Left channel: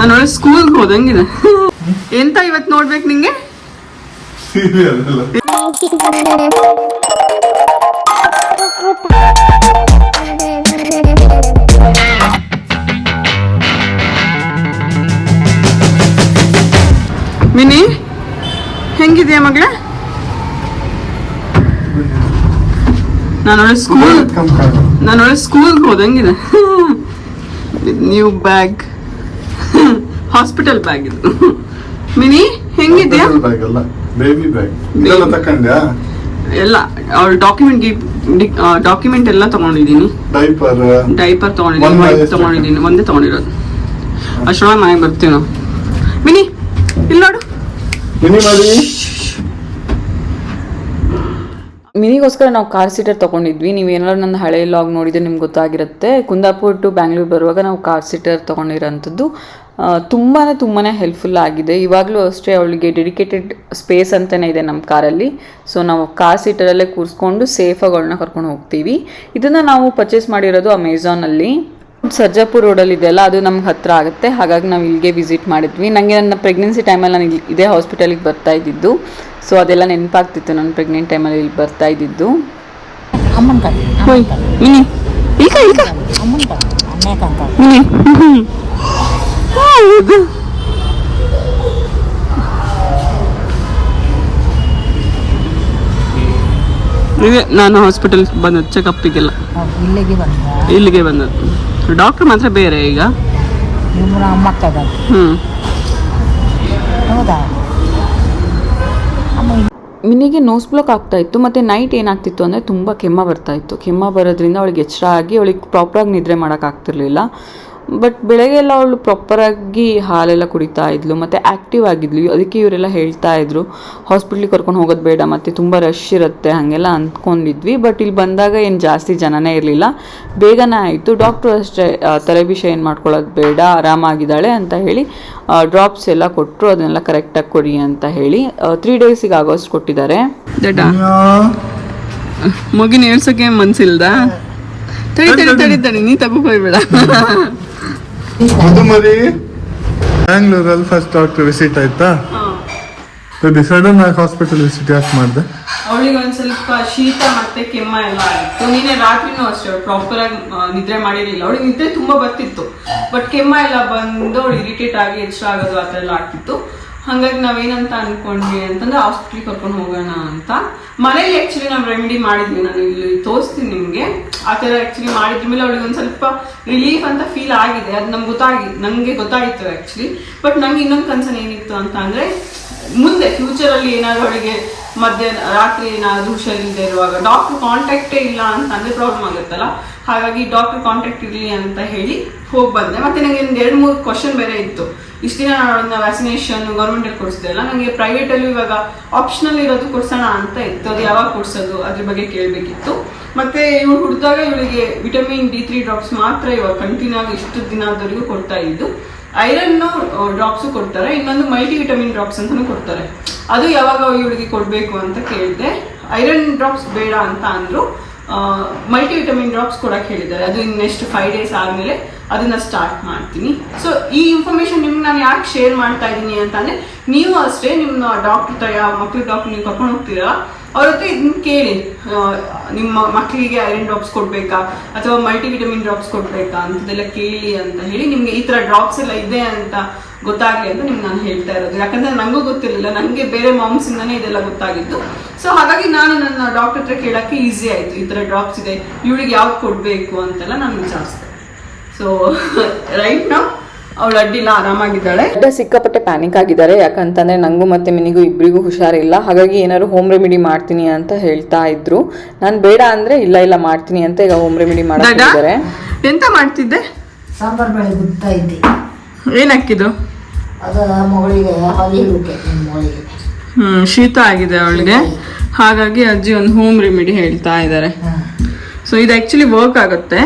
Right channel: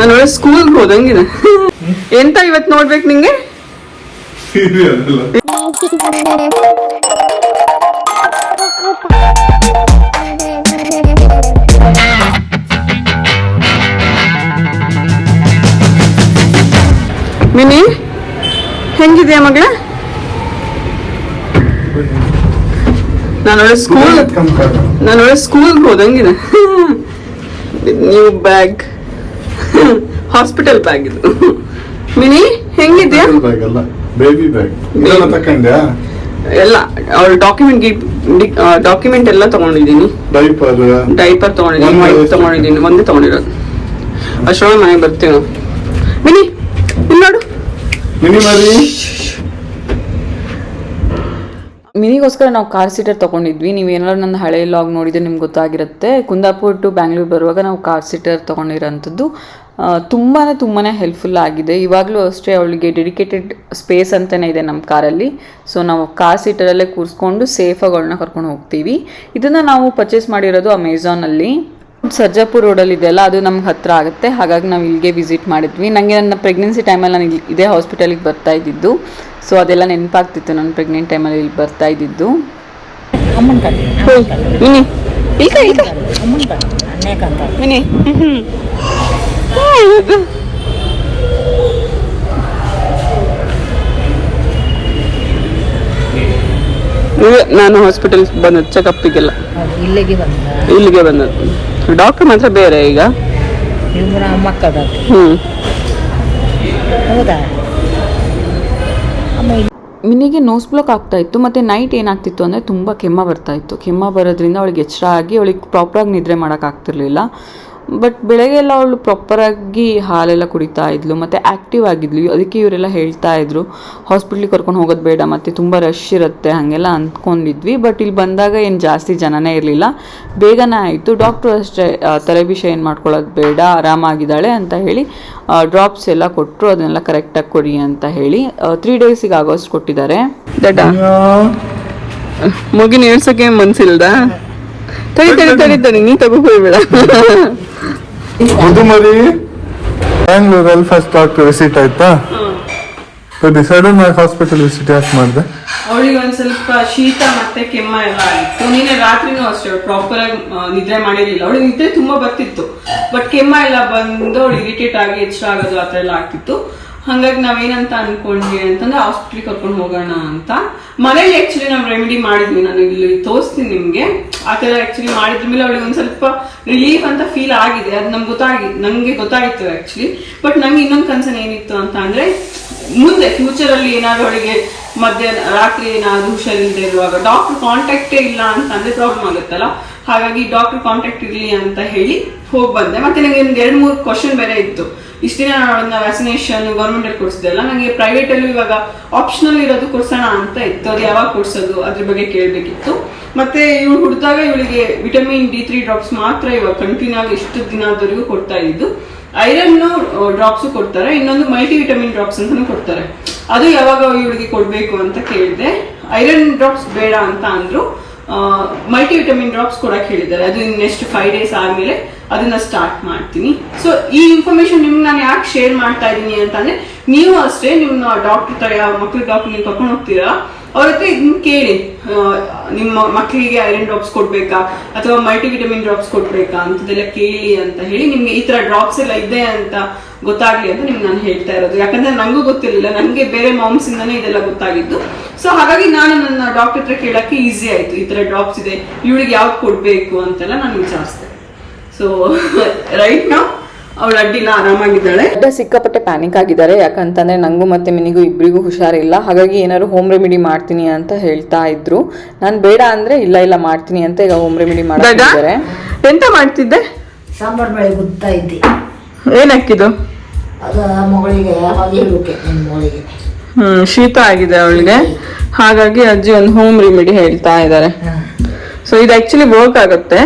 ನಾನು ಒಳ್ಳೆ ಸ್ಕೂಲ್ಗೆ ಹೋದಂಗಿದೆ. ಎಂತ ಇವತ್ತು ನೋಡ್ಬೇಕು ನಿಂಗೆ? ಮಿನಿ ಹೆಂಗಿದ್ಯಾ ಮಗಳ? ನಾನು ಒಳ್ಳೆ ಸ್ಕೂಲ್ಗೆ ಹೋದಂಗಿದೆ. ನ್ಯೂ ಬ್ಯಾಗ್, ಹಾಸ್ಪಿಟಲ್ ಬ್ಯಾಗ್ ಇದು. ಮಿನಿ ಹೆಂಗಿದ್ಯಾ? ಎಲ್ಲ ಅವ್ರ ಡಾಕ್ಯುಮೆಂಟ್ ಎಲ್ಲ ತಗೊಂಡಿದ್ದೀನಿ. ಡೈಪರ್ ತಗೊಂಡಿದ್ದೀನಿ, ವೈಪ್ ತಗೊಂಡಿದ್ದೀನಿ, ಒಂದೇ ತಗೊಂಡಿರೋದು. ಅಷ್ಟೊಳಗೆ ಮನೆಗೆ ಬರ್ತೀವಿ ನಾವು. ಮಿನಿ ಇಲ್ಲಿ ನೋಡು. ಮಿನಿಗೋಸ್ಕರ ನಾವು ಕಾರ್ ಸೀಟರ್ ತೊಗೊಂಡಿದ್ವಿ. ನೀವೇನಾದ್ರು ನನ್ನ ಹಳೆ ಲಾಗ್ ನೋಡಿದ್ರೆ ನಿಮ್ಗೆ ಗೊತ್ತಾಗಿರುತ್ತೆ. ಕುಂದಾಪುರ ಟು ಬ್ಯಾಂಗ್ಳೂರ್ ಬರುವಾಗ ನಾವು ಕಾರ್ ಸೀಟರ್ ತೊಗೊಂಡಿರೋಂಥದ್ದು. ತುಂಬಾ ಹೆಲ್ಪ್ಫುಲ್ ಆಗಿದೆ. ಇವಾಗಲೂ ಅಷ್ಟೇ ಅವಳಿಗೆ ಡೆಡಿಕೇಟೆಡ್ ಸ್ಪೇಸ್ ಅಂತಲೇ ಇದೆ ನಮ್ಮ ಕಾರಲ್ಲಿ. ಸೊ ನಾವು ಕಾರ್ ಸೀಟರಲ್ಲೇ ಕೂರಿಸ್ಕೊಂಡು ಸೇಫಾಗಿ ಅವಳನ್ನ ಕರ್ಕೊಂಡು ಹೋಗ್ತೀವಿ. ಇದನ್ನು ನಾವು ಪರ್ಚೇಸ್ ಮಾಡಿರೋದು ಅಮೆಝಾನಲ್ಲಿ. ಸರ್ಜಾಪುರ್ ರೋಡಲ್ಲಿ ಇದೆಯಲ್ಲ, ಅದು ನಮ್ಗೆ ಹತ್ತಿರ ಆಗುತ್ತೆ. ಹಾಗಾಗಿ ನಾವು ಇಲ್ಲಿಗೆ ವಿಸಿಟ್ ಮಾಡಿದ್ವಿ. ನನಗೆ ನನ್ನ ಪ್ರೆಗ್ನೆನ್ಸಿ ಟೈಮಲ್ಲಿ ನಾನು ಇದೇ ಹಾಸ್ಪಿಟಲಿಗೆ ಬರ್ತಾ ಇದ್ದಿದ್ದು. ಸೊ ಅದೆಲ್ಲ ನೆನಪಾಗ್ತಿತ್ತು, ನಾನು ಪ್ರೆಗ್ನೆಂಟ್ ಟೈಮಲ್ಲಿ ಇಲ್ಲಿ ಬರ್ತಾ ಇದ್ದಿದ್ದು. ನಾನು ಹಾಸ್ಪಿಟಲ್ ಬಂದದ್ದು ಚೆಕಪ್ಪಿಗೆಲ್ಲ ಇಲ್ಲಿಗೆ ಬಂದದ್ದು. ಡಾಕ್ಟರ್ ಮಾತ್ರ ಬೇರೆ ಈಗ. ಮಿನಿಗೆ ನೋಸ್ ಬ್ಲಾಕ್ ಆಗ್ತಾ ಇತ್ತು. ಮತ್ತು ನೈಟ್ ಏನಾಗ್ತಿತ್ತು ಅಂದರೆ ತುಂಬ ಕೆಮ್ಮ ಬರ್ತಾ ಇತ್ತು. ಕೆಮ್ಮ ಬರೋದ್ರಿಂದ ಅವಳಿಗೆ ಎಚ್ಚರ ಆಗಿ ಅವಳಿಗೆ ಪ್ರಾಪರಾಗಿ ನಿದ್ರೆ ಮಾಡೋಕ್ಕಾಗ್ತಿರ್ಲಿಲ್ಲ. ಬಟ್ ಬೆಳಗ್ಗೆ ಎಲ್ಲ ಅವಳು ಪ್ರಾಪರಾಗಿ ಹಾಲೆಲ್ಲ ಕುಡಿತಾ ಇದ್ಲು ಮತ್ತು ಆ್ಯಕ್ಟಿವ್ ಆಗಿದ್ಲು. ಅದಕ್ಕೆ ಇವರೆಲ್ಲ ಹೇಳ್ತಾ ಇದ್ರು ಹಾಸ್ಪಿಟ್ಲಿಗೆ ಕರ್ಕೊಂಡು ಹೋಗೋದು ಬೇಡ, ಮತ್ತು ತುಂಬ ರಶ್ ಇರುತ್ತೆ ಹಾಗೆಲ್ಲ ಅಂದ್ಕೊಂಡಿದ್ವಿ. ಬಟ್ ಇಲ್ಲಿ ಬಂದಾಗ ಏನು ಜಾಸ್ತಿ ಜನನೇ ಇರಲಿಲ್ಲ, ಬೇಗನೆ ಆಯಿತು. ಡಾಕ್ಟ್ರು ಅಷ್ಟೇ ತಲೆಬಿಷ ಏನು ಮಾಡ್ಕೊಳ್ಳೋದು ಬೇಡ, ಆರಾಮಾಗಿದ್ದಾಳೆ ಅಂತ ಹೇಳಿ ಡ್ರಾಪ್ಸ್ ಎಲ್ಲ ಕೊಟ್ಟರು. ಅದನ್ನೆಲ್ಲ ಕರೆಕ್ಟಾಗಿ ಕೊಡಿ ಅಂತ ಹೇಳಿ 3 ಡೇಸಿಗೆ ಆಗೋಷ್ಟು ಕೊಟ್ಟಿದ್ದಾರೆ. ಮಗಿನ ಏಳ್ಸೋಕೆ ಮನ್ಸಿಲ್ದ? ತಡಿ ನೀ ತಗೋ ಹೋಗ್ಬೇಡ. ಮರಿ ಬ್ಯಾಂಗ್ಳೂರಲ್ಲಿ ಫಸ್ಟ್ ಡಾಕ್ಟರ್ ವಿಸಿಟ್ ಆಯ್ತಾ? ಸಡನ್ ಆಗಿ ಹಾಸ್ಪಿಟಲ್ ವಿಸಿಟ್ ಯಾಕೆ ಮಾಡಿದೆ? ಅವಳಿಗೆ ಒಂದ್ ಸ್ವಲ್ಪ ಶೀತ ಮತ್ತೆ ಕೆಮ್ಮ ಎಲ್ಲ ಆಯಿತು. ನಿನ್ನೆ ರಾತ್ರಿನೂ ಅಷ್ಟೇ ಪ್ರಾಪರ್ ಆಗಿ ನಿದ್ರೆ ಮಾಡಿರ್ಲಿಲ್ಲ. ಅವಳಿಗೆ ನಿದ್ರೆ ತುಂಬಾ ಬರ್ತಿತ್ತು, ಬಟ್ ಕೆಮ್ಮ ಎಲ್ಲ ಬಂದು ಅವಳು ಇರಿಟೇಟ್ ಆಗಿ ಎಚ್ಚರ ಆಗೋದು ಆ ಥರ ಎಲ್ಲ ಆಗ್ತಿತ್ತು. ಹಾಗಾಗಿ ನಾವೇನಂತ ಅನ್ಕೊಂಡ್ವಿ ಅಂತಂದ್ರೆ ಹಾಸ್ಪಿಟ್ಲಿಗೆ ಕರ್ಕೊಂಡು ಹೋಗೋಣ ಅಂತ. ಮನೇಲಿ ಆಕ್ಚುಲಿ ನಾವು ರೆಮಿಡಿ ಮಾಡಿದ್ವಿ, ನಾನು ಇಲ್ಲಿ ತೋರಿಸ್ತೀನಿ ನಿಮ್ಗೆ. ಆ ಥರ ಆಕ್ಚುಲಿ ಮಾಡಿದ್ರ ಮೇಲೆ ಅವಳಿಗೆ ಒಂದ್ ಸ್ವಲ್ಪ ರಿಲೀಫ್ ಅಂತ ಫೀಲ್ ಆಗಿದೆ. ಅದು ನಂಗೆ ಗೊತ್ತಾಗಿತ್ತು ಆಕ್ಚುಲಿ. ಬಟ್ ನಂಗೆ ಇನ್ನೊಂದು ಕನ್ಸರ್ನ್ ಏನಿತ್ತು ಅಂತ ಅಂದ್ರೆ, ಮುಂದೆ ಫ್ಯೂಚರ್ ಅಲ್ಲಿ ಏನಾದ್ರು ಅವಳಿಗೆ ರಾತ್ರಿ ಏನಾದ್ರು ಹುಷಾರಿಲ್ಲದೆ ಇರುವಾಗ ಡಾಕ್ಟರ್ ಕಾಂಟ್ಯಾಕ್ಟೇ ಇಲ್ಲ ಅಂತ ಅಂದ್ರೆ ಪ್ರಾಬ್ಲಮ್ ಆಗುತ್ತಲ್ಲ. ಹಾಗಾಗಿ ಡಾಕ್ಟರ್ ಕಾಂಟ್ಯಾಕ್ಟ್ ಇರಲಿ ಅಂತ ಹೇಳಿ ಹೋಗಿ ಬಂದೆ. ಮತ್ತೆ ನನಗೆ ಒಂದು 2-3 ಕ್ವಶನ್ ಬೇರೆ ಇತ್ತು. ಇಷ್ಟು ದಿನ ವ್ಯಾಕ್ಸಿನೇಷನ್ ಗೌರ್ಮೆಂಟ್ ಅಲ್ಲಿ ಕೊಡಿಸಿದೆ ಅಲ್ಲ, ನನಗೆ ಪ್ರೈವೇಟ್ ಅಲ್ಲೂ ಇವಾಗ ಆಪ್ಷನಲ್ ಇರೋದು ಕೊಡ್ಸೋಣ ಅಂತ ಇತ್ತು. ಅದು ಯಾವಾಗ ಕೊಡ್ಸೋದು ಅದ್ರ ಬಗ್ಗೆ ಕೇಳಬೇಕಿತ್ತು. ಮತ್ತೆ ಇವಳು ಹುಡ್ದಾಗ ಇವಳಿಗೆ ವಿಟಮಿನ್ D3 ಡ್ರಾಪ್ಸ್ ಮಾತ್ರ ಇವಾಗ ಕಂಟಿನ್ಯೂ ಆಗಿ ಇಷ್ಟು ದಿನದವರೆಗೂ ಕೊಡ್ತಾ ಇದ್ದು. ಐರನ್ ಡ್ರಾಪ್ಸ್ ಕೊಡ್ತಾರೆ, ಇನ್ನೊಂದು ಮಲ್ಟಿ ವಿಟಮಿನ್ ಡ್ರಾಪ್ಸ್ ಅಂತಾನು ಕೊಡ್ತಾರೆ. ಅದು ಯಾವಾಗ ಇವಳಿಗೆ ಕೊಡ್ಬೇಕು ಅಂತ ಕೇಳಿದೆ. ಐರನ್ ಡ್ರಾಪ್ಸ್ ಬೇಡ ಅಂತ ಅಂದ್ರು, ಮಲ್ಟಿ ವಿಟಮಿನ್ ಡ್ರಾಪ್ಸ್ ಕೊಡಕ್ ಹೇಳಿದ್ದಾರೆ. ಅದು ನೆಕ್ಸ್ಟ್ 5 ಡೇಸ್ ಆದ್ಮೇಲೆ ಅದನ್ನ ಸ್ಟಾರ್ಟ್ ಮಾಡ್ತೀನಿ. ಸೊ ಈ ಇನ್ಫಾರ್ಮೇಶನ್ ನಿಮ್ಗೆ ನಾನು ಯಾಕೆ ಶೇರ್ ಮಾಡ್ತಾ ಇದ್ದೀನಿ ಅಂತಂದ್ರೆ, ನೀವು ಅಷ್ಟೇ ನಿಮ್ಮ ಡಾಕ್ಟರ್ ಯಾವ ಮಕ್ಳಿಗೆ ಡಾಕ್ಟರ್ ನೀವು ಕರ್ಕೊಂಡು ಹೋಗ್ತೀರಾ ಅವ್ರ ಹತ್ರ ಇದನ್ನ ಕೇಳಿ, ನಿಮ್ಮ ಮಕ್ಕಳಿಗೆ ಐರನ್ ಡ್ರಾಪ್ಸ್ ಕೊಡ್ಬೇಕಾ ಅಥವಾ ಮಲ್ಟಿ ವಿಟಮಿನ್ ಡ್ರಾಪ್ಸ್ ಕೊಡ್ಬೇಕಾ ಅಂತದೆಲ್ಲ ಕೇಳಿ ಅಂತ ಹೇಳಿ. ನಿಮ್ಗೆ ಈ ತರ ಡ್ರಾಪ್ಸ್ ಎಲ್ಲ ಇದೆ ಅಂತ ಗೊತ್ತಾಗ್ಲಿ ಅಂತ ನಿಮ್ಗೆ ನಾನು ಹೇಳ್ತಾ ಇರೋದು. ಯಾಕಂದ್ರೆ ನಂಗೂ ಗೊತ್ತಿರಲಿಲ್ಲ, ನನಗೆ ಬೇರೆ ಮಾಮ್ಸ್ ಇಂದಾನೆ ಇದೆಲ್ಲ ಗೊತ್ತಾಗಿದ್ದು. ಸೊ ಹಾಗಾಗಿ ನಾನು ನನ್ನ ಡಾಕ್ಟರ್ ಹತ್ರ ಕೇಳಕ್ಕೆ ಈಸಿ ಆಯ್ತು. ಈ ತರ ಡ್ರಾಪ್ಸ್ ಇದೆ, ಇವಳಿಗೆ ಯಾವ್ದು ಕೊಡ್ಬೇಕು ಅಂತೆಲ್ಲ ನಾನು ವಿಚಾರಿಸಿದೆ. ಸೊ ರೈಟ್ ನೌ ಅವಳು ಅಡ್ಡಿಲ್ಲ, ಆರಾಮಾಗಿದ್ದಾಳೆ. ಸಿಕ್ಕಾಪಟ್ಟೆ ಪ್ಯಾನಿಕ್ ಆಗಿದ್ದಾರೆ. ಯಾಕಂತಂದ್ರೆ ನಂಗೂ ಮತ್ತೆ ಮಿನಿಗೂ ಇಬ್ಬರಿಗೂ ಹುಷಾರಿಲ್ಲ. ಹಾಗಾಗಿ ಏನಾದ್ರು ಹೋಮ್ ರೆಮಿಡಿ ಮಾಡ್ತೀನಿ ಅಂತ ಹೇಳ್ತಾ ಇದ್ರು. ನಾನು ಬೇಡ ಅಂದ್ರೆ ಇಲ್ಲ ಮಾಡ್ತೀನಿ ಅಂತ ಈಗ ಹೋಮ್ ರೆಮಿಡಿ ಮಾಡ್ತಿದ್ದಾರೆ. ಎಂತ ಮಾಡ್ತಿದ್ದೆ? ಸಾಂಬಾರ್ ಬೆಳೆ ಗುತ್ತಾ ಇದ್ದೆ. ಏನ್ ಹಾಕಿದ್ದು? ಅದು ಮಗಳಿಗೆ ಮಗಳಿಗೆ ಶೀತ ಆಗಿದೆ ಅವಳಿಗೆ, ಹಾಗಾಗಿ ಅಜ್ಜಿ ಒಂದು ಹೋಮ್ ರೆಮಿಡಿ ಹೇಳ್ತಾ ಇದ್ದಾರೆ. ಸೊ ಇದು ಆಕ್ಚುಲಿ ವರ್ಕ್ ಆಗುತ್ತೆ.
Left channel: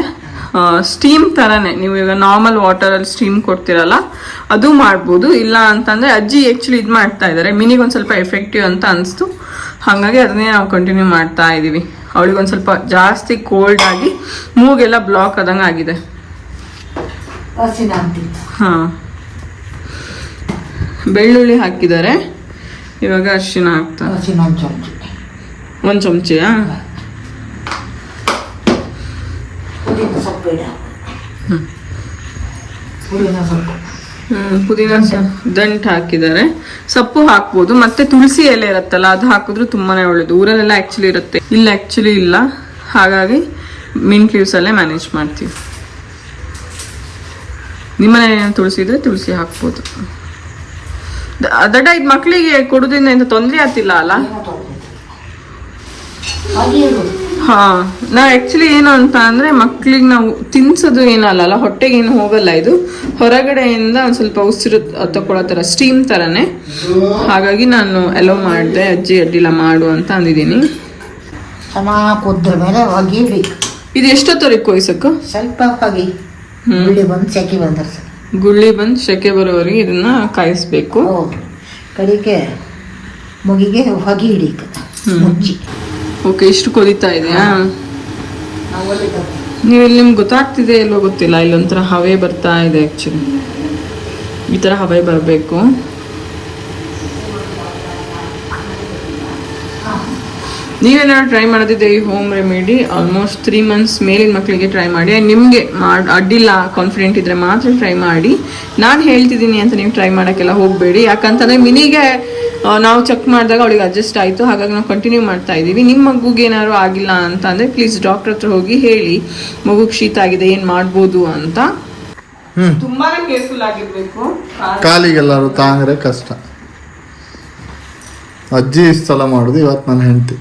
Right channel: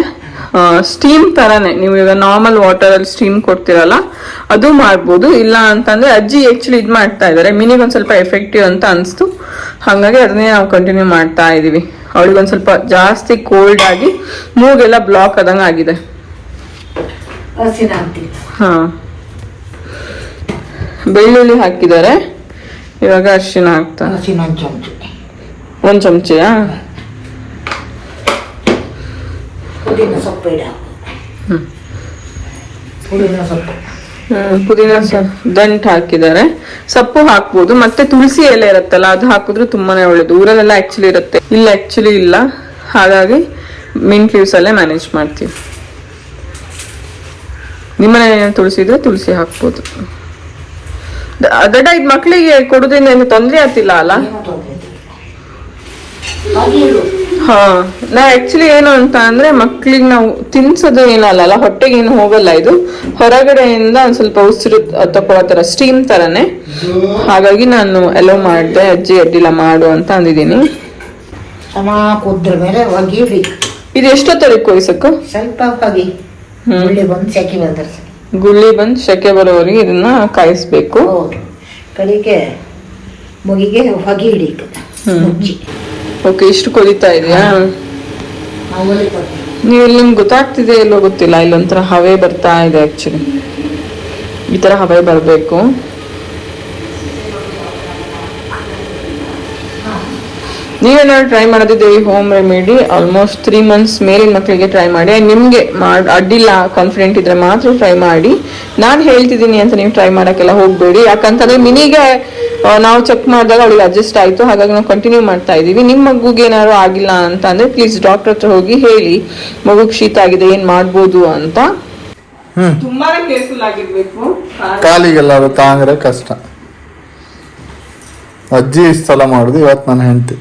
ಸ್ಟೀಮ್ ತರಾನೇ, ನೀವು ಈಗ ನಾರ್ಮಲ್ ವಾಟರ್ ಅಲ್ಲಿ ಸ್ಟೀಮ್ ಕೊಡ್ತಿರಲ್ಲ ಅದು ಮಾಡ್ಬೋದು. ಇಲ್ಲ ಅಂತಂದ್ರೆ ಅಜ್ಜಿ ಆಕ್ಚುಲಿ ಇದ್ ಮಾಡ್ತಾ ಇದಾರೆ, ಮಿನಿಗೊಂದ್ ಸ್ವಲ್ಪ ಎಫೆಕ್ಟಿವ್ ಅಂತ ಅನ್ಸ್ತು. ಹಾಗಾಗಿ ಅದನ್ನೇ ನಾವು ಕಂಟಿನ್ಯೂ ಮಾಡ್ತಾ ಇದೀವಿ. ಅವಳಿಗೊಂದ್ ಸ್ವಲ್ಪ ಜಾಸ್ತಿ ಕೋಲ್ಡ್ ಆಗಿ ಮೂಗೆಲ್ಲ ಬ್ಲಾಕ್ ಆದಂಗ ಆಗಿದೆ. ಹಾ ಬೆಳ್ಳುಳ್ಳಿ ಹಾಕಿದ್ದಾರೆ. ಇವಾಗ ಅರಿಶಿನ ಹಾಕ್ತಾ. ಹಸಿನ ಒಂದು ಚಮಚ. 1 ಚಮಚೆಯಾ? ಪುದೀನ ಸೊಪ್ಪು ಇಡ. ಪುದೀನ ಸೊಪ್ಪು. ಪುದೀನ ದಂಟ್ ಹಾಕಿದ್ದಾರೆ. ಸೊಪ್ಪು ಹಾಕ್ಬೋದು, ಮತ್ತೆ ತುಳಸಿ ಎಲೆ ಇರುತ್ತಲ್ಲ ಅದು ಹಾಕಿದ್ರು ತುಂಬಾನೇ ಒಳ್ಳೇದು. ಊರಲ್ಲೆಲ್ಲ ಆಕ್ಚುಲಿ ಇರುತ್ತೆ, ಇಲ್ಲ ಆಕ್ಚುಲಿ ಇಲ್ಲ. ಹಾಗಾಗಿ ಮಿಂಟ್ ಲೀವ್ಸ್ ಅಲ್ಲೇ ಮ್ಯಾನೇಜ್ ಮಾಡ್ತೀವಿ. ನಿಮ್ಮನೆ ತುಳಸಿ ಇದ್ರೆ ತುಳಸಿ ಹಾಕ್ಬೋದು. ದಡ್ಡ ಇದ್ ಮಕ್ಳಿಗೆ ಕೊಡುದ್ರಿಂದ ಏನು ತೊಂದ್ರೆ ಆಗ್ತಿಲ್ಲ ಅಲ್ಲ? ಹಾ, ನಾ ಆಕ್ಚುಲಿ ಏನು ಅಂತ ಅಂದ್ರೆ ಮಕ್ಳಿಗೆ ನಾವು ತಿನ್ಸೋದು ಏನಲ್ಲ, ಹೊಟ್ಟೆಗೆ ಏನು ಹೋಗಲ್ಲ. ಇದು ಹೊರಗಡೆಯಿಂದ ಒಂದ್ ಸ್ವಲ್ಪ ಉಸಿರು ತಗೊಳ್ಳೋ ತರ ಸ್ಟೀಮ್ ತರನೇ. ಹಾಗಾಗಿ ನಾನು ಅಲೋ ಮಾಡಿದೆ, ಅಜ್ಜಿ ಅಡ್ಡಿಲ್ಲ ಮಾಡು ಅಂತ ಅಂದಿದ್ದೀನಿ. ಚೆನ್ನಾಗಿ ಕುದ್ರ ಮೇಲೆ ಹೊಗಿ ಇಡಿ. ಇದು ಎಷ್ಟೊತ್ತವರೆಗೆ ಕೊಯ್ಸಕ್ಕ? ಸ್ವಲ್ಪ ಹೊಗಿ ಗುಳ್ಳಿ ಬಂದು ಸೆಕೆ ಬಂದ್ರೆ ಗುಳ್ಳಿ ಬಂದು ಸೆಕೆ ಬರೋವರೆಗೆ ಇದನ್ನ ಕಾಯಿಸ್ಬೇಕು. ಹೌದು. ಕಡೆಗೆ ಮುಗಿಗೆ ಹೊಗಿ ಹಿಡಿಕ ಮುಚ್ಚಿ. ಓಕೆ, ಇಷ್ಟು ಕೊದಿತಾ ಇದೆಯಾ? ನೀವು ಇಲ್ಲಿ ನಿಮ್ಗೆ ಗೊತ್ತಾಗ್ತಿದೆ ಇಲ್ಲೋ ಗೊತ್ತಿಲ್ಲ, ಇಲ್ಲೊಂಥರ ಹವೆ ಬರ್ತಾ ಇದೆ. ಆಕ್ಚುಲಿ ಈ ತರ ಹವೆ ಬರಬೇಕು. ನೀವೇನಾದ್ರು ಟ್ರೈ ಮಾಡೋದಿದೆ ಈ ಹೋಮ್ ರೆಮಿಡಿ ಆಲ್ಮೋಸ್ಟ್ 3 months ಮೇಲಿನ ಮಕ್ಕಳಿಗೆ ಟ್ರೈ ಮಾಡಿ. ನಿಮ್ಗೆ ಅಡ್ಡಿಲ್ಲ ಕಾನ್ಫಿಡೆಂಟ್ ಇದ್ರೆ ಮಾತ್ರ ಟ್ರೈ ಮಾಡಿ. ನಾನು ಹೇಳ್ತಿದ್ದೀನಿ ಅಂತ ನೀವು ಟ್ರೈ ಮಾಡಕ್ಕೆಲ್ಲ ಹೋಗ್ಬೇಡಿ. ಯಾಕಂತಂದ್ರೆ ಮಿನಿಗೆ ನಾವು ಚೆಕ್ ಮಾಡಿದಾಗ ಅವಳಿಗೆ ಅಡ್ಜಸ್ಟ್ ಆಯ್ತು, ಹಾಗಾಗಿ ನಾವು ಕಂಟಿನ್ಯೂ ಮಾಡ್ತಾ ಇದೀವಿ. ನಿಮ್ ಮಗುಗೆ ಏನಾದ್ರು ಆಗಿಲ್ಲ ಅಂತ ಅಂದ್ರೆ ಪ್ಲೀಸ್ ಡಾಕ್ಟರ್ ಹತ್ರ ಹೋಗಿ ಹೇಳಿ ಮಗುಗ್ ಶೀತ ಆಗಿದೆ, ಏನ್ ಮಾಡ್ಬೋದು ಅಂತ. ತುಂಬಾನೇ ಕೇರ್ಫುಲ್ ಆಗಿರ್ಬೇಕು. ಕಾಲಿಗೆಲ್ಲಾರು ತಾಂಗ್ರೆ ಕಷ್ಟ. ಅಜ್ಜಿ ಇಷ್ಟು ಸಲ ಮಾಡುದು, ಇವತ್ತು ನನ್ನ ಹೆಂಡತಿ.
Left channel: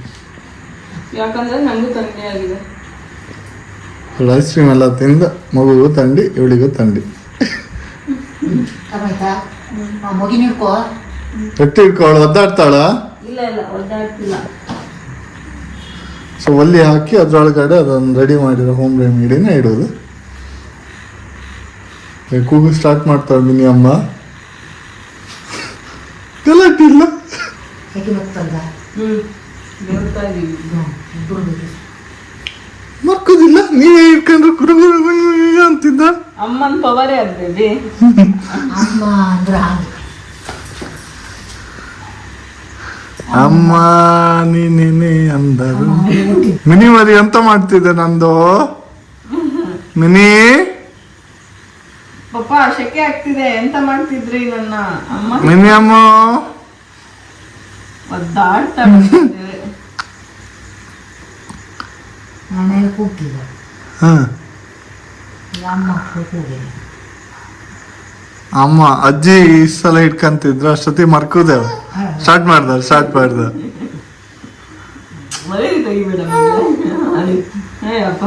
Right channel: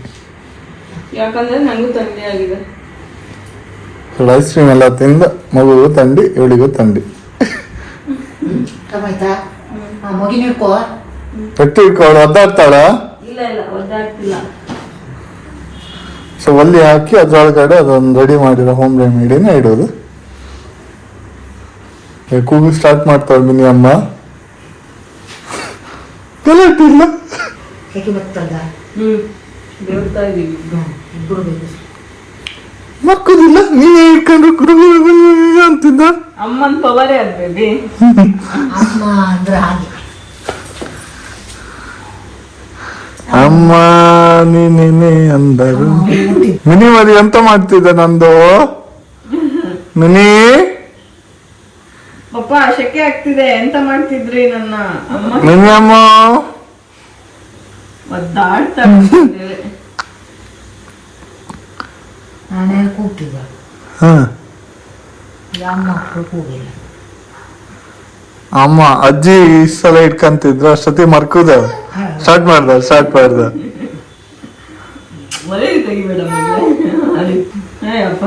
ಯಾಕಂದ್ರೆ ನಂಗೂ ಥಂಡಿ ಆಗಿದೆ. ಐಸ್ ಕ್ರೀಮ್ ಎಲ್ಲ ತಿಂದ ಮಗುಗೂ ಥಂಡಿ, ಇವಳಿಗೂ ಥಂಡಿ. ಆಯ್ತಾ? ಮಗಿನ ಹಿಡ್ಕೋ. ಪಟ್ಟಿ ಹಿಡ್ಕೊಳ್ಳು. ಒದ್ದಾಡ್ತಾಳ? ಇಲ್ಲ ಇಲ್ಲ, ಒದ್ದಾಡ್ತಿಲ್ಲ. ಸೊ ಒಲ್ಲಿ ಹಾಕಿ ಅದ್ರೊಳಗಡೆ ಅದೊಂದು ರೆಡಿ ಮಾಡಿರೋ ಹೋಮ್ ರೆಮಿಡಿನ ಇಡೋದು. ಕೂಗು ಸ್ಟಾರ್ಟ್ ಮಾಡ್ತಾಳೆ ಮಿನಿ ಅಮ್ಮ. ಗಲಾಟಿಲ್ಲ. ಹೇಗೆ ಬರ್ತದ? ಬೇಡ್ತಾ ಇದೀವಿ. ಇಬ್ಬರು ಬೇಕು. ಮಕ್ಕದಿಲ್ಲ, ನೀವೇ ಇಟ್ಕೊಂಡ್ರೆ ಕುರುಗುರು ಅಂತಿದ್ದ. ಅಮ್ಮನ್ ಪವರೇ ಅದ್ರಲ್ಲಿ. ಅಮ್ಮ ಅಂದ್ರೆ ಹಾಗೆ. ಅಮ್ಮ ನೀನೇ ಅಂದರು. ಮಿನಿ ಮರಿ ಎಂತ ಮಾಡ್ತಿದ್ದ ನಂದು? ಮಿನಿ ಪಪ್ಪ ಶೆಕೆ ಆಗ್ತಿದೆ, ಎಂತ ಮಾಡ್ತಿದ್ರಿ ನನ್ನ ಅಮ್ಮ? ಮಿನಿ ಅಮ್ಮ ಒದ್ದಾಡ್ತಾ ನಾನೇ ಕೂಗ್ತಿದ್ದ. ಹ ಅಮ್ಮ ಕೂಗಿಲ್ಲ. ಅಮ್ಮ ಅಜ್ಜಿ ಇಷ್ಟ ಸಲ ಇಟ್ಕಂತಿದ್ರು, ಅಷ್ಟೊತ್ತಿ ಮರ್ಕುದ ಸ್ಟಾರ್ಟ್ ಮಾಡ್ದ. ಮಳೆ ತೆಗಿಬೇಡ ಅಪ್ಪ.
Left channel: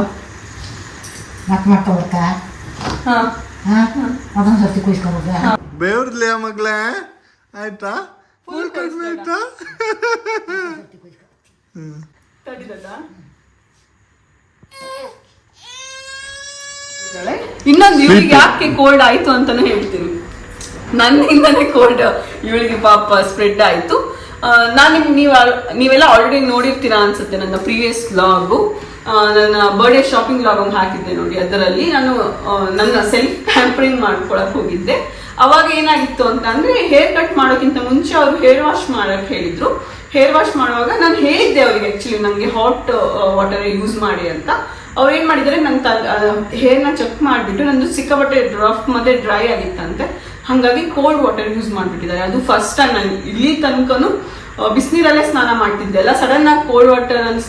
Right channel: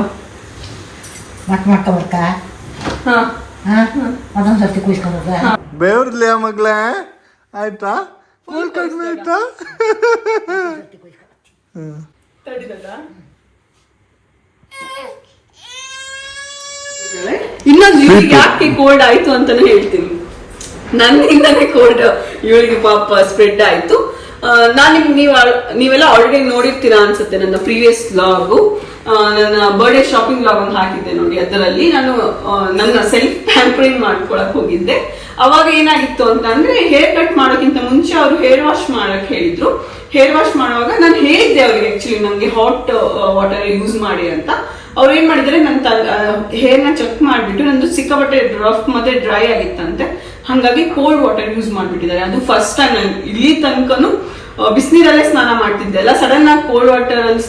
ಮತ್ತೆ ಮಾಡ್ಕೊಬರ್ತಾ? ಅದೊಂದು ಸರ್ತಿ ಕುಯ್ಸ್ಕೊಬೋದ? ಬೇವ್ರಲ್ಯ ಮಗ್ಳ ಆಯ್ತಾ? ಆಯ್ತಾ? ಇನ್ನೊಂದು ಇವಳಿಗೆ ಯಾಕೆ ಕೋಲ್ಡ್ ಆಯ್ತು ಅಂತಾನು ಹೇಳ್ತೀನಿ. ನನ್ನಿಂದಾನೇ ಕೋಲ್ಡ್ ಇವಳಿಗೆ ಪಾಪ ಸ್ಪ್ರೆಡ್ ಆಯ್ತು. ನೀವೆಲ್ಲ ಆಲ್ರೆಡಿ ನೋಡಿರ್ತೀರಾ ಅನ್ಸುತ್ತೆ ನನ್ನ ಪ್ರೀವಿಯಸ್ ವ್ಲಾಗು. ನನ್ನ ಬರ್ಡೇ ಶಾಪಿಂಗ್ ವ್ಲಾಗ್ ಒಂದು ಹಾಕಿದ್ದೆ ನೋಡಿ. ಅದರಲ್ಲಿ ನಾನು ನನ್ನ ಸೆಲ್ಫ್ ಪ್ಯಾಂಪರಿಂಗ್ ಮಾಡ್ಕೊಳಕ್ ಹೋಗಿದ್ದೆ. ಅವಾಗ ಏನಾಗಿತ್ತು ಅಂತ ಅಂದ್ರೆ, ಹೇರ್ ಕಟ್ ಮಾಡೋಕ್ಕಿಂತ ಮುಂಚೆ ಅವರು ಹೇರ್ ವಾಶ್ ಮಾಡಕ್ ಹೇಳಿದ್ರು. ಹೇರ್ ವಾಶ್ ಮಾಡುವಾಗ ನಾನು ಹೇಳಿದ್ದೆ ಅವ್ರಿಗೆ ಆಕ್ಚುಲಿ ನಮ್ಗೆ ಹಾಟ್ ವಾಟರ್ ಯೂಸ್ ಮಾಡಿ ಅಂತ. ಅವ್ರು ಏನ್ ಮಾಡಿದ್ರೆ ನನ್ನ ಹೇರ್ನ ಚೆಕ್ ಮಾಡ್ಬಿಟ್ಟು ನಂದು ಸಿಕ್ಕಾಪಟ್ಟೆ ರಫ್ ಮತ್ತೆ ಡ್ರೈ ಆಗಿತ್ತಂತೆ. ಹಾಗಾಗಿ ಕೋಲ್ಡ್ ವಾಟರ್ ಯೂಸ್ ಮಾಡ್ಬಿಟ್ಟಿದ್ದಾರೆ. ಅದು ಫಸ್ಟ್ ಟೈಮ್ ನಾನು ಇಲ್ಲಿ ತನಕನು ಬಿಸಿನೀರಲ್ಲೇ ಸ್ನಾನ ಮಾಡ್ತಿದ್ದೆ ಅಲ್ಲ, ಸಡನ್ ಆಗಿ ಕೋಲ್ಡ್ ವಾಟರ್ ಅಲ್ಲಿ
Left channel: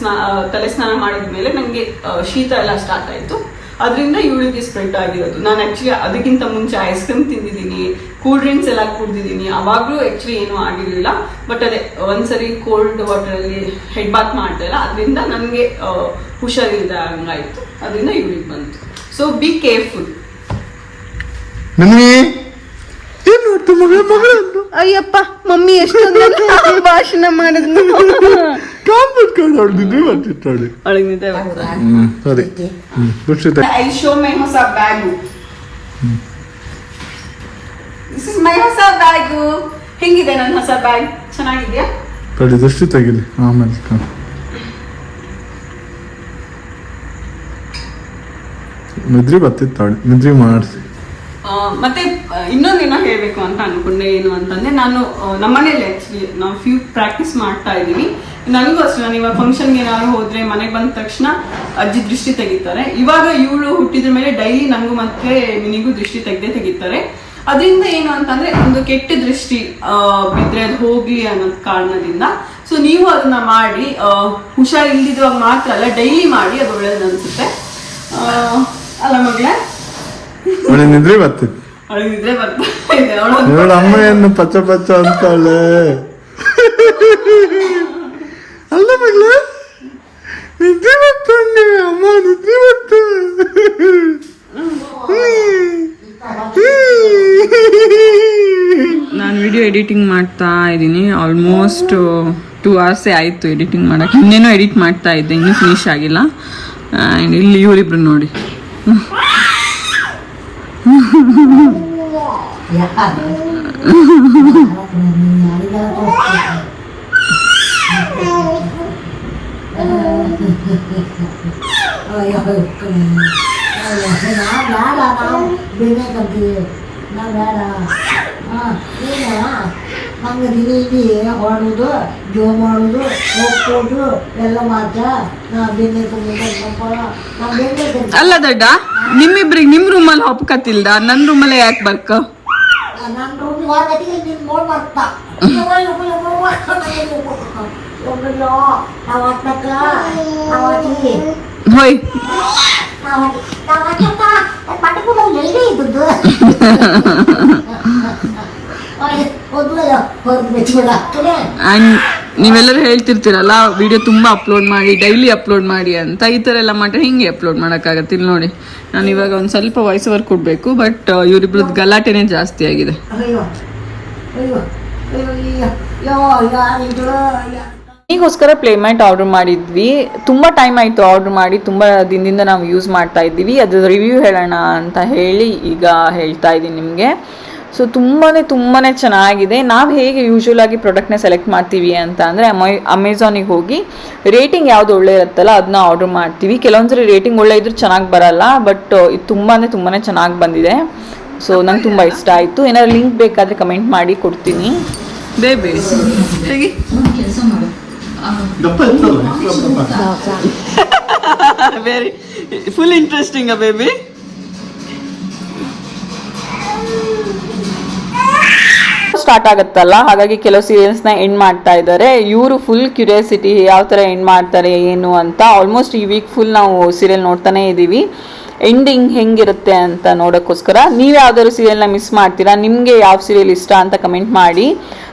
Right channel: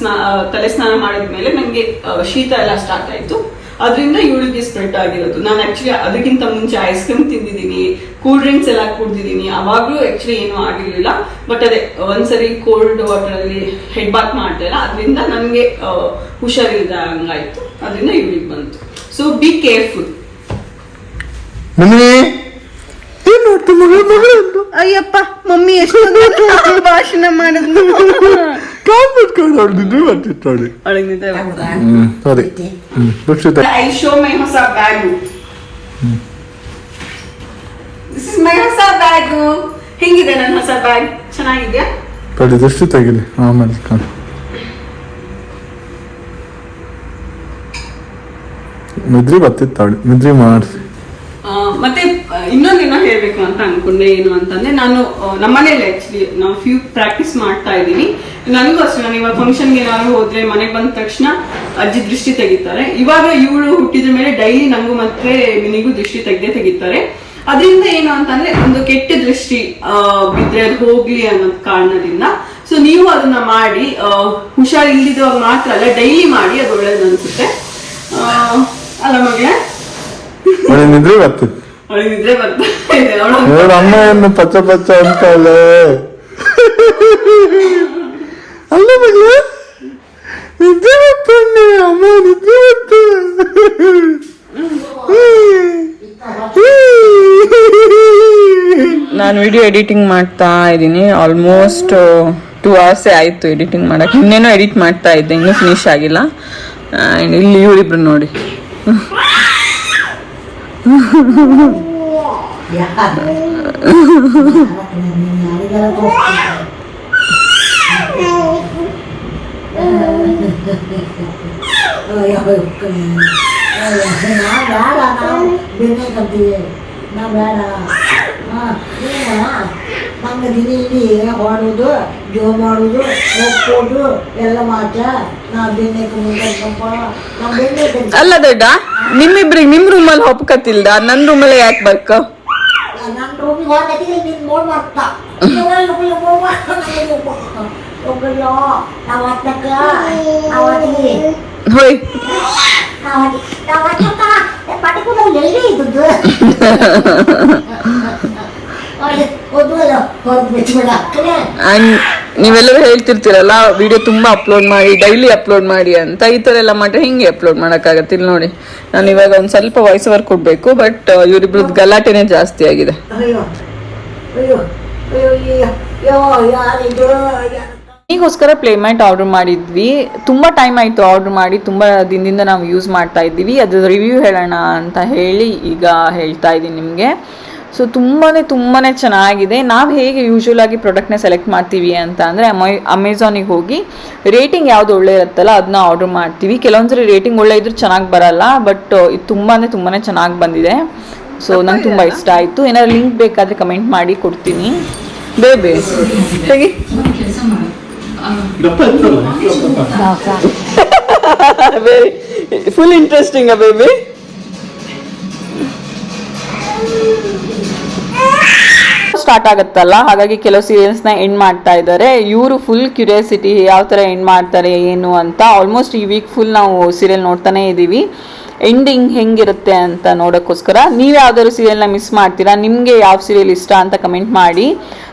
ತಲೆ ಸ್ನಾನ ಮಾಡಿದ್ಮೇಲೆ ನಂಗೆ ಶೀತ ಎಲ್ಲ ಸ್ಟಾರ್ಟ್ ಆಯ್ತು. ಅದರಿಂದ ಇವಳಿಗೆ ಸ್ಪ್ರೆಡ್ ಆಗಿರೋದು. ನಾನು ಆಕ್ಚುಲಿ ಅದಕ್ಕಿಂತ ಮುಂಚೆ ಐಸ್ ಕ್ರೀಮ್ ತಿಂದಿದ್ದೀನಿ, ಕೂಲ್ ಡ್ರಿಂಕ್ಸ್ ಎಲ್ಲ ಕುಡ್ದಿದ್ದೀನಿ, ಅವಾಗ್ಲೂ ಆಕ್ಚುಲಿ ಏನೂ ಆಗಿರ್ಲಿಲ್ಲ. ಬಟ್ ಅದೇ ಒಂದ್ಸರಿ ಕೋಲ್ಡ್ ವಾಟರ್ ಅಲ್ಲಿ ಹೆಡ್ ಬಾತ್ ಮಾಡ್ದೆ ಅದರಿಂದ ನನಗೆ ಹುಷಾರಿಲ್ದ ಹಂಗಾಯ್ತು. ಅದರಿಂದ ಇವಳಿಗೆ ಬಂತು. So be careful. ಏನ್ ನೋಡ್ತಿ ಮಗಳು ಅಂತ? ಅಯ್ಯಪ್ಪ, ಮಮ್ಮಿ ಎಷ್ಟು ಭಾಷಣ ಮಾಡಿದ್ನು. ಸರಿ, ಐ ಶೋ ಮೈ ಹೊಸ ಬ್ಯಾಗು. ದಿಸ್ ಇಸ್ ಮೈ ಹೊಸ ಬ್ಯಾಗು. ಹೆಂಗಿದೆ ನನ್ನ ಹೊಸ ಬ್ಯಾಗ್? ಚೆನ್ನಾಗಿದ್ಯಾ? ತಡಿ ದೃಷ್ಟಿ ತೆಗಿಲಿ, ಆಮೇಲೆ ನಿದ್ರಿ ಬರ್ತಿತ್ತು. ನಿದ್ರಿ ಮಾಡಿಸಿ ಮತ್ತೆ ಇನ್ನೊಂದೇನೋ ಹೇಳ್ಬೇಕು ಅಂತ ಅನ್ಕೊಂಡೆ. ಏನು ಅಂತಂದ್ರೆ ನಾನು ನಮ್ಮನೇಲಿ ಆಕ್ಚುಲಿ ನಾವು ಫ್ಯೂ ಪ್ರಾಕ್ಟೀಸ್ ಮಾಡ್ತಾ ಇದೀವಿ. ನನಗೂ ಅಷ್ಟೇ, ನಾನು ಇವಾಗ ಫಂಕ್ಷನ್ಗೆ ಏನಾದ್ರು ಹೋದ್ರೆ ಮನೆಗೆ ಬಂದ ತಕ್ಷಣ ಅಜ್ಜಿ ದೃಷ್ಟಿ ತೆಗಿತಾರೆ. ಇವಾಗ ಇವಳು ಹುಟ್ಟಿದ ಮೇಲೆ ಡೈಲಿ ನಂಗೂ ಮತ್ತೆ ಮಿನಿಗೂ ದೃಷ್ಟಿ ತೆಗಿತಾರೆ. ಅದರಿಂದ ಏನು ಅಂತಂದ್ರೆ ಒಂದು ಕೆಟ್ಟ ದೃಷ್ಟಿ ಬಿದ್ರೆ ಅದು ಹೋಗ್ಲಿ ಅನ್ನೋ ಕಾರಣದಿಂದ. ಸೊ ನೀವು ಅದನ್ನ ಮಾಡಿ, ಹುಷಾರ್ ಇಲ್ದಿದ್ವಾಗ ಮಾತ್ರ ಅಲ್ಲ, ಡೈಲಿ ಮಾಡಿ, ಅದು ಒಳ್ಳೇದು ಅನ್ಸುತ್ತೆ ಅಲ್ಲ ಮಗಳೇ? ನಿದ್ರೆ ಬರ್ತಿತ್ತು, ಅವಳಿಗೆ ನಿದ್ರೆ ಬರ್ತಾ ಇದೆ. ಅವಳ ಅಮ್ಮ ಏನು ಪಚ್ಚ ಪಚ್ಚ ಅಂತಲ್ಲ ಅಲ್ಲ ಮಗಳ, ನಿದ್ರೆ ಬರ್ತಾನೆ ಅಮ್ಮ, ನಿದ್ರೆ ನಾನು ವಿಡಿಯೋ ಎಡಿಟಿಂಗ್ ಮಾಡ್ತಾ ಇದ್ದೀನಿ. ಆಲ್ಮೋಸ್ಟ್ 2 hours ಆಯ್ತು ಎಡಿಟಿಂಗ್ ಮಾಡಕ್ಕೆ. ಇನ್ನೇನೋ ಎಡಿಟ್ ಮಾಡ್ತಾ ಇದ್ದೆ, ಇನ್ನೂ ಫಿನಿಶ್ ಆಗಿಲ್ಲ. ಆ್ಯಂಡ್ ಇಲ್ಲಿ ಇವರಿಬ್ರು ನೋಡಿ, ನಾ ಬೇಡ ನಂಗೆ ದಿನ ಇಡೀ ಹೊಡೋದು, ಜೋ ಮಾಡೋದು, ಹೋಗ್ಬೋದು ಎಲ್ಲ ಮಾತ್ರ. ನಾ ಬೆನ್ನಕ್ಕೆ ಮುಂದಪ್ಪ, ನಾ ಬೆನ್ನಕ್ಕೆ ಅಲ್ಲ ದೊಡ್ಡ, ನಿಮ್ಮಿಬ್ರಿಗೆ ನಿಮ್ ರೂಮಲ್ಲಿ ಹೊಪ್ಕತಿಲ್ದ, ನನ್ನ ರೂಮಲ್ಲೇ ಯಾಕೆ ಬರ್ಕ? ನನ್ನ ರೂಮಿಗೆ ಹೊರಗಟ್ಟಿಗೆ ನೀನು ನೋಡಿ ಬರ್ತಾ ಒಬ್ಬಯ್ಯೋ ನಾವು ಆಟಕ್ಕ ನಾವು ಆಟಿಗೆ ಹೋಯ್ ನಾವು ಆಟಕ್ಕ ಪಟಕೂಡ ಎಲ್ಲಿಗೆ ಇದ್ದದ್ದು ನೀವೆಲ್ಲರೂ ಹೇಳ್ತಿರ್ತೀರಲ್ಲ ವಿಡಿಯೋ ತುಂಬಾ ಅಪ್ಲೋಡ್ ಮಾಡಿ, ಡೈಲಿ ಅಪ್ಲೋಡ್ ಮಾಡಿ ಅಂತ. ಈ ತರ ಎಲ್ಲ ಮಾಡ್ರೆ ಹಿಂಗೆ ಅಪ್ಲೋಡ್ ಮಾಡಕ್ಕಾಗತ್ತೆ? ಇಲ್ಲಿ ನೋಡಿ, ನಾನು ಇವಾಗ ಒಂದ್ ಸ್ವಲ್ಪ ವಾಯ್ಸ್ ಓವರ್ ಕೊಡ್ಬೇಕು, ಬಟ್ ಇವರಿಬ್ರದ್ದು ಗಲಾಟೆನೆ ಜಾಸ್ತಿ ಆಗಿದೆ. ಈಗೋಸ್ಕರ ಪ್ಲೇಮ್ಯಾಟ್ ಆರ್ಡರ್ ಮಾಡಿದ್ವಿ. ತುಂಬ ಟೈಮ್ ಆಯಿತು ಆರ್ಡರ್ ಮಾಡಿ, ತುಂಬ ದಿನದಿಂದ ನಾವು ಯೂಸ್ ಮಾಡ್ತಾ ಇದ್ದೀವಿ. ಅದ್ರ ರಿವ್ಯೂ ಹೇಳೋಣ ಅಂತ ಹೇಳಿ ಈಗ ಹೇಳ್ತಾ ಇದ್ದೀನಿ ನಿಮಗೆ. ಸೊ ತುಂಬಾ ಚೆನ್ನಾಗಿದೆ. ನಾವು ಹೇಗೆ ಯೂಶ್ವಲ್ ಆಗಿ ಪ್ರಾಡಕ್ಟ್ನ ಸೆಲೆಕ್ಟ್ ಮಾಡ್ತೀವಿ ಅಂತ ಅಂದರೆ ಅಮೆಝಾನಿಗೆ ಹೋಗಿ ರೇಟಿಂಗ್ ಯಾವುದು ಒಳ್ಳೆ ಇರುತ್ತಲ್ಲ ಅದನ್ನ ಆರ್ಡರ್ ಮಾಡ್ತೀವಿ. ಕೆಲವೊಂದ್ಸರಿ ರೇಟಿಂಗ್ ಒಳ್ಳೆ ಇದ್ರೂ ಚೆನ್ನಾಗಿ ಬರಲ್ಲ, ಬಟ್ ಇದು ತುಂಬಾ ಚೆನ್ನಾಗಿ ಬಂದಿದೆ. ಸೊ ನಂಗೆ ತುಂಬ ಇಷ್ಟ ಆಯಿತು. ಏನಾದ್ರು ಲಿಂಕ್ ಬೇಕಾದರೆ ಕಮೆಂಟ್ ಮಾಡಿ ಕೊಡ್ತೀನಿ. ಬೇಬಿ ಹೇಗೆ very full interesting baby. Start ಆಗುತ್ತಲ್ಲ, ಹಾಗಾಗಿ ಕೆಲವು ಸೀರಿಯಲ್ಸ್ನ ಎಂಡ್ ಮಾಡ್ತಾ ಇದ್ದಾರೆ. ಇವರು ಫುಲ್ ಕ್ಯೂರಿಯಾಸಿಟಿ ಯಾವ ಥರ ಎಂಡ್ ಮಾಡ್ತಾರೆ ಏನು ಅಂತ. ಆಲ್ಮೋಸ್ಟ್ ಈ ವೀಕ್ ಫುಲ್ ನಾವು ಸೀರಿಯಲ್ ನೋಡ್ತಾನೆ ಇದ್ದೀವಿ. ಎಂಡಿಂಗ್ ಹೆಂಗಿರುತ್ತೆ ಅಂತ ನೋಡೋಕ್ಕೋಸ್ಕರ. ನೀವು ಯಾವ್ದಾದ್ರು ಸೀರಿಯಲ್ನ ಮಿಸ್ ಮಾಡ್ತೀರಾ, ನಿಮಗೆ ಯಾವ ಸೀರಿಯಲ್ ಇಷ್ಟ ಅಂತ ಕಮೆಂಟ್ ಮಾಡಿ.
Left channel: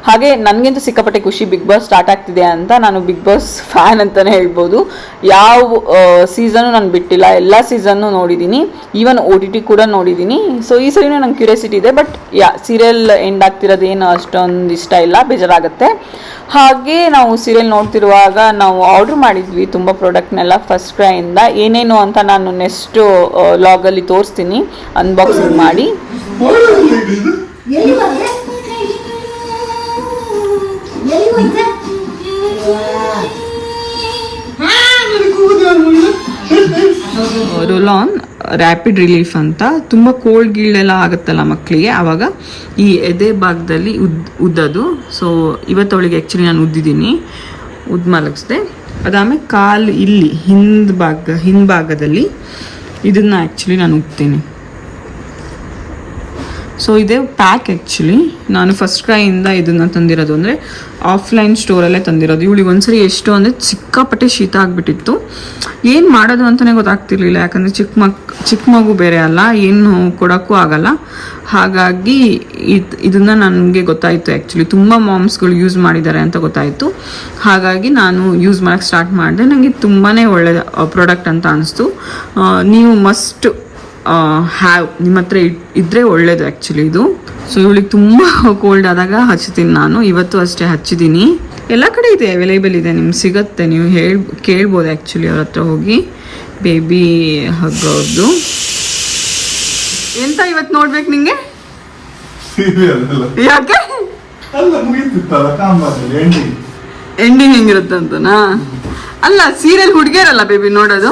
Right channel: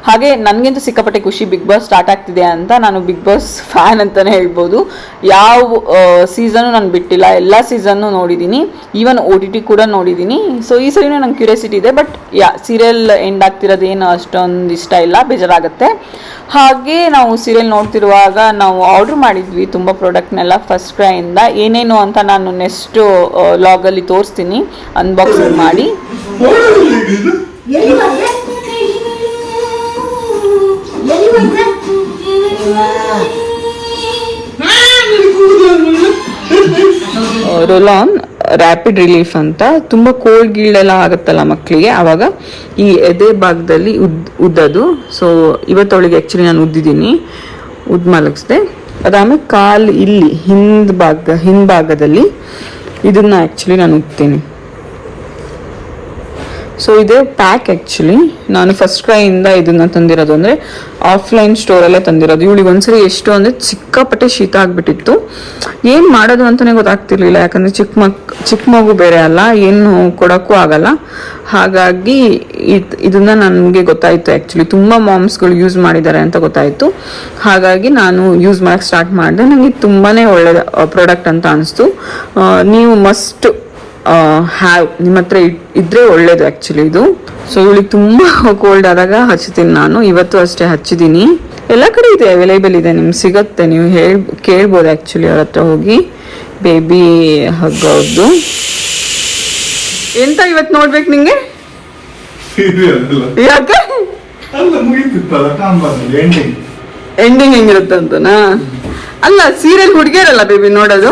ಹಾಗೆ ನನಗಂತೂ ಸಿಕ್ಕಾಪಟ್ಟೆ ಖುಷಿ, ಬಿಗ್ ಬಾಸ್ ಸ್ಟಾರ್ಟ್ ಆಗ್ತಿದೆ ಅಂತ. ನಾನು ಬಿಗ್ ಬಾಸ್ ಫ್ಯಾನ್ ಅಂತಲೇ ಹೇಳ್ಬೋದು. ಯಾವ ಸೀಸನ್ನು ನಾನು ಬಿಟ್ಟಿಲ್ಲ, ಎಲ್ಲ ಸೀಸನ್ನು ನೋಡಿದ್ದೀನಿ, ಈವನ್ OTT ಕೂಡ ನೋಡಿದ್ದೀನಿ. ಸೊ ಈ ಸರಿನೂ ನಂಗೆ ಕ್ಯೂರಿಯಾಸಿಟಿ ಇದೆ, ಬಟ್ ಸೀರಿಯಲ್ ಎಂಡ್ ಆಗ್ತಿರೋದೇನು ಅಷ್ಟೊಂದು ಇಷ್ಟ ಇಲ್ಲ, ಬೇಜಾರಾಗುತ್ತೆ. ಹಾಗೆ ನಾವು ಸೀರಿಯಲ್ ನೋಡ್ತಿರುವಾಗ ನಾವು ಆರ್ಡ್ರ್ ಮಾಡಿದ್ವಿ ತುಂಬ ಪ್ರಾಡಕ್ಟ್ನೆಲ್ಲ ಫಸ್ಟ್ ಕ್ರೈಯಿಂದ. ಏನೇನು ಅಂತ ನಾನು ನೆಕ್ಸ್ಟ್ ಲಾಗಲ್ಲಿ ತೋರಿಸ್ತೀನಿ ಅನ್ಬಾಕ್ಸಿಂಗ್ ಮಾಡಿ. ರೋಲಾನ್ ರ್ಯಾಪಿಡ್ ರಿಲೀಫ್ ಅಂತ. ತುಂಬ ಕೋಲ್ಡ್ ಗೀಳೆಲ್ಲ ಆಗುತ್ತಲ್ಲ ಮಕ್ಕಳಿಗೆ, ಆವಾಗ ಈ ಎದೆ ಭಾಗದಲ್ಲಿ ಉದ್ದದು. ಸೊ ಇವತ್ತು ಅವಳಿಗೆ ಆ್ಯಕ್ಚುಲಿ ನಾನು ಉದ್ದಿದ್ದೀನಿ, ಮಲಗಿಸ್ದೆ. ಅದಾದ್ಮೇಲೆ ಕಾಲು ಇಲ್ಲಿ ಹಿಂಭಾಗದಲ್ಲಿ ಇದನ್ನ ಆ್ಯಕ್ಚುಲಿ ನಾನು ಉದ್ತೀನಿ. ಸೊ ಇದೇ ಪ್ಯಾಕ್. ಆ್ಯಕ್ಚುಲಿ ನಾನು ಫಸ್ಟ್ ಕ್ರೈಯಿಂದ ಇದನ್ನ ತಂದಿರೋದು, ಅಂದರೆ ಆಫ್ಲೈನ್ ಸ್ಟೋರಲ್ಲೇ ತಂದಿರೋದು. ಇವಳಿಗೆ ಒಂದ್ಸರಿ ಎಷ್ಟು ಅಂದರೆ ಸಿಕ್ಕಾಪಟ್ಟೆ ಶೀತ ಆಗಿಬಿಟ್ಟಿತ್ತು. ಏನು ಮಾಡೋದು ಅಂತಲೇ ಗೊತ್ತಾಗ್ತಿರ್ಲಿಲ್ಲ, ಯಾಕಂದರೆ ಚಿಕ್ಕ ಮಗು ಬೇರೆ ಅಲ್ಲ, ಏನು ಕೊಡೋಕ್ಕೂ ಆಗಲ್ಲ. ಹಾಗಾಗಿ ಇದನ್ನ ನನಗೆ ಗೊತ್ತಾಯಿತು. ಆ್ಯಕ್ಚುಲಿ ತುಂಬ ಮಾಮ್ಸ್ಗಳು ಯೂಸ್ ಮಾಡಿದ್ದಾರೆ ಅಂತ ಗೊತ್ತಾಯಿತು. ಹಾಗಾಗಿ ನಾನು ಯೂಸ್ ಮಾಡೋಕ್ಕೆ ಸ್ಟಾರ್ಟ್ ಮಾಡಿದೆ. ನನಗೆ ತುಂಬಾ ಒಳ್ಳೆ ಪ್ರಾಡಕ್ಟ್ ಅಂತ ಅನಿಸ್ತು. ನೀವು ಮಸ್ಟ್ ಹ್ಯಾವ್, ನಿಮ್ಮ ಹತ್ರ ಇದ್ರೆ ಒಳ್ಳೇದು ಆ್ಯಕ್ಚುಲಿ ಇದು. ಸೊ ಇವಳಿಗೆ ತುಂಬ ಕೋಲ್ಡ್ ಆದಾಗ ಹಚ್ತೀನಿ ನಾನು. ಇವತ್ತು ಅಷ್ಟೇ ಹಚ್ಚಿದ್ದೀನಿ. ಎಲ್ಲ ಕಡೆ ಇದೆ, ಅವೈಲೇಬಲ್ ಇದೆ, ನಿಮ್ಗೆ ಸಿಗುತ್ತೆ. ನೀವು ಕೇಳ್ಬೋದು ಆ್ಯಕ್ಚುಲಿ ಅವ್ರ ಹತ್ರ ಹೋಗಿ. ಬೇಬಿ ಹಗ್ಗವ್ರದ್ದು ಎಂತ ಇವತ್ತು ನೋಡ್ಬೇಕು ನಿಂಗೆ? ಯಾಕೆ? ಎಂಡಿಂಗ್ ಹೆಂಗಿರುತ್ತೆ ಅಂತನಾ? ಅಲ್ಲ, ಸೀರಿಯಲ್ ಹುಡುಗಿಯರಲ್ಲ ಬೇಬಿ ನೋಡೋದು.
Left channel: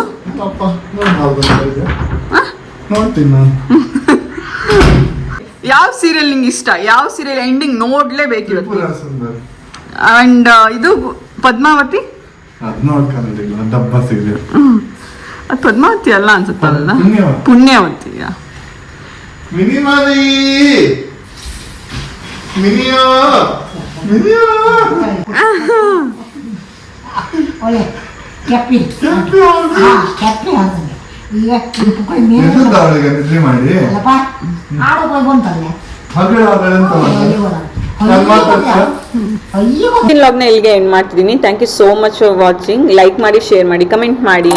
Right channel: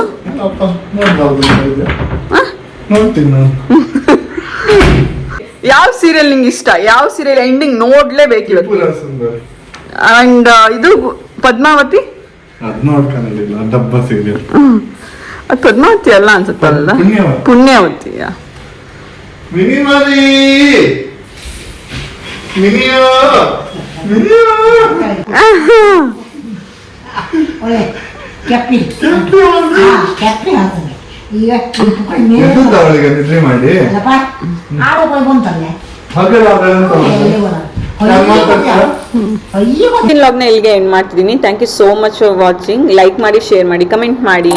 ಯಾವ ಸೀರಿಯಲ್ ನಿಂಗೆ ಇಷ್ಟ? ಯಾವ ಸೀರಿಯಲ್ ಎಂಡಿಂಗ್ ನೋಡ್ಲೇಬೇಕು ಇವತ್ತು? ತ್ರಿಪುರ ಸುಂದರಿ. ಅಂಡ್ ಇದು ಪದ್ಮಾವತಿ, ಅದ್ನ ಕನ್ನಡಿಲ್ಲ, ಡಬ್ಬ ಸೀರಿಯಲ್. ಅದು ಪದ್ಮಾವತಿ ಅಲ್ಲ ಅನ್ಸುತ್ತಲ್ಲ, ಪುಣ್ಯವತಿ. ಪುಣ್ಯವತಿಯ. ಮಿನಿಮರಿ ಮಿನಿಯೋ ಮಿನಿಯೋ ಒಳ್ಳೆ ಕೆಪ್ಪಿ ಕೆಪ್ಪಿ ಹಾಕಂಗೆ ಈಗ ಎದ್ದು ಅವಳಿಗೆ ನಿದ್ರೆ ಮಾಡಿ ಅಲ್ಲಪ್ಪ ಆಡೋ ಹೋಗಿ ಬಂತಲ್ಲ ಹಗಲು ಅಂತ ವ್ಲಾಗ್ನ ಇಲ್ಲಿಗೆ ಎಂಡ್ ಮಾಡ್ತಿದ್ದೀನಿ. Thank you so much for watching. Like ಮಾಡಿ, ಶೇರ್ ಮಾಡಿ, ಕಮೆಂಟ್ ಮಾಡಿ.